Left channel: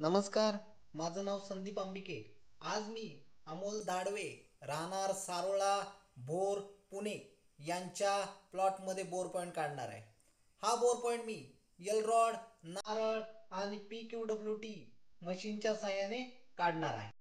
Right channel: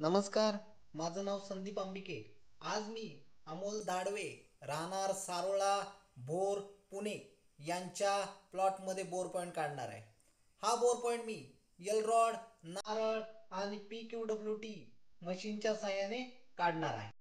नमस्कार, माझं नाव संदीप अंबिके। आज मी अमोल दाडवे, राहणार सारोळा, भोर, पुणे यांच्या प्लॉटमध्ये बोर पॉईंट काढणार आहे। हा बोर पॉईंट मी एल रॉड, नारळ आणि PQWT मशीनच्या साहाय्याने काढणार आहे।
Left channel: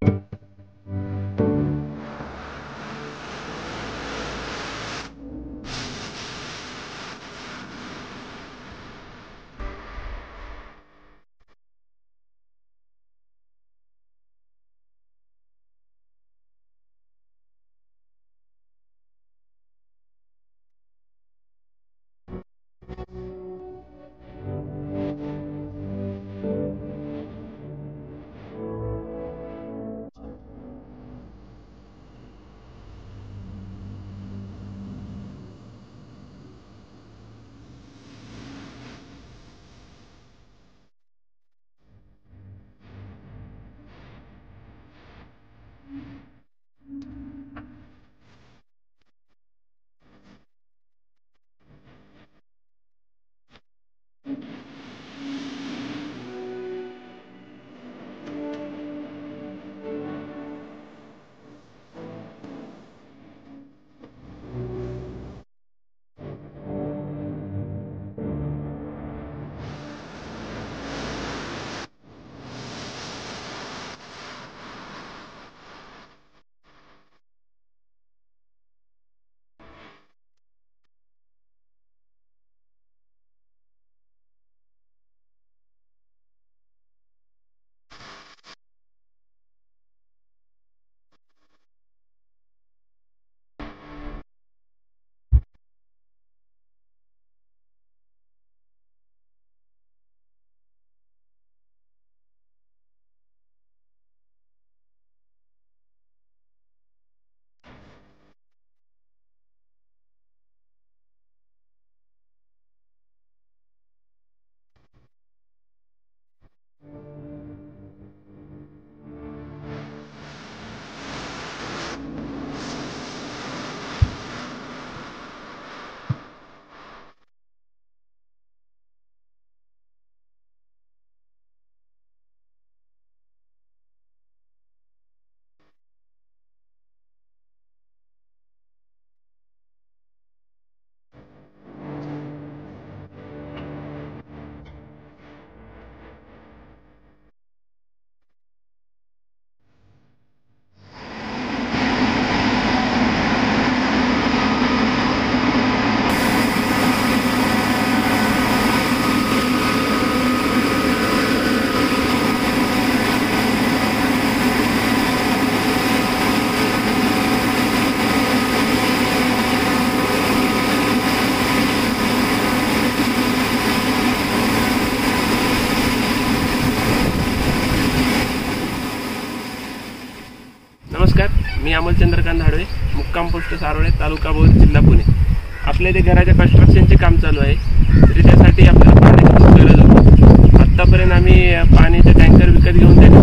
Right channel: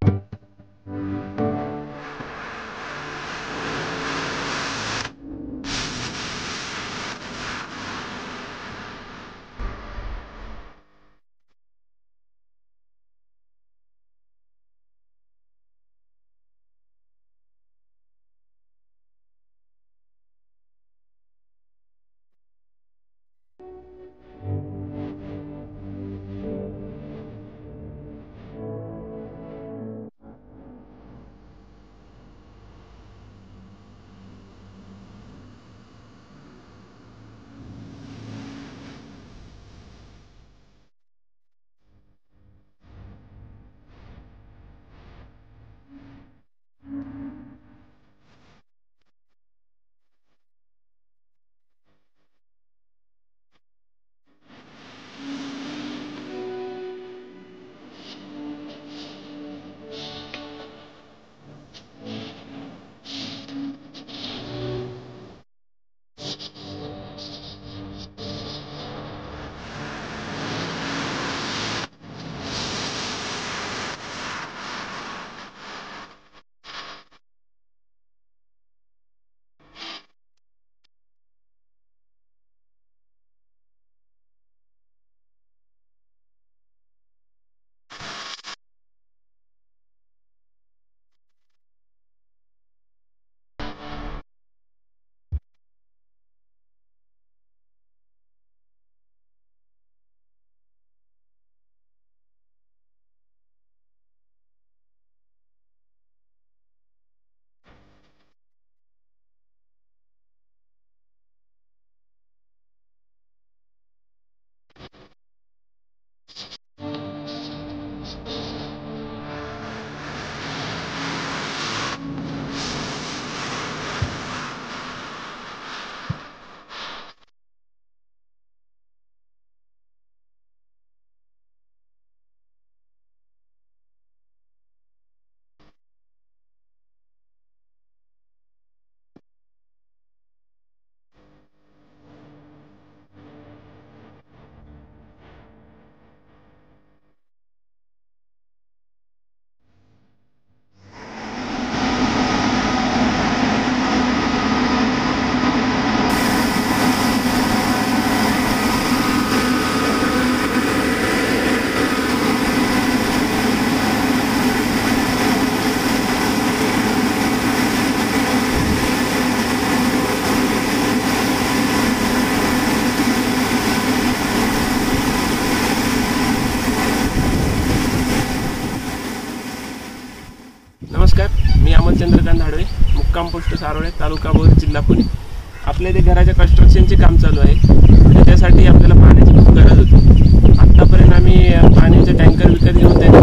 नमस्कार, मी अमोल चंद्रकांत धाडवे, मुक्काम पोस्ट सारोळे, तालुका भोर, जिल्हा पुणे। आपल्या इथे घराच्या कन्स्ट्रक्शनचे काम चालू आहे। त्याच्यासाठी आपल्याला पाण्याची खूप गरज होती। आत्तापर्यंत आम्ही पाण्याचे टँकर विकत घेऊन त्याचे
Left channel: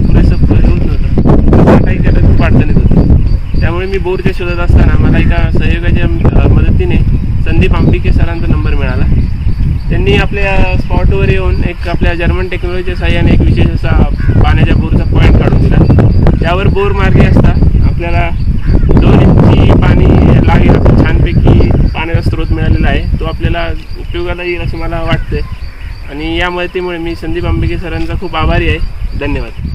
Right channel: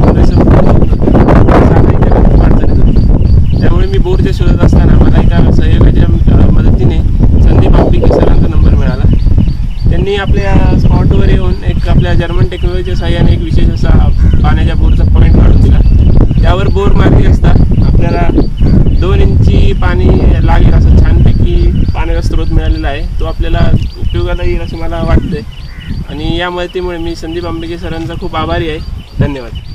पुरेसं नव्हतं, काही त्याला खूप अडचणीत होती। त्यामुळे मी बोरच्या शोधत असताना मला एका सहयोगाच्या मदतीने संदीप अंबिके सरांचा नंबर मिळाला। त्यांनी आपल्या स्पॉटवर येऊन एक आपल्या जर्मन टेक्नॉलॉजीच्या साहाय्याने एक विशेष असा पाण्याच्या बोरचा पॉईंट काढून दिला। त्यावर बोर मार्गी असता आपल्याला 2 इंची पाणी लागेल असं छानपैकी पाण्याचा स्रोत मिळालेला आहे। तो आपल्याला उपयोगाला येईल असं मला वाटतंय आणि या मदतीमुळे मी संदीप अंबिके सरांचा खूप आभारी आहे। धन्यवाद।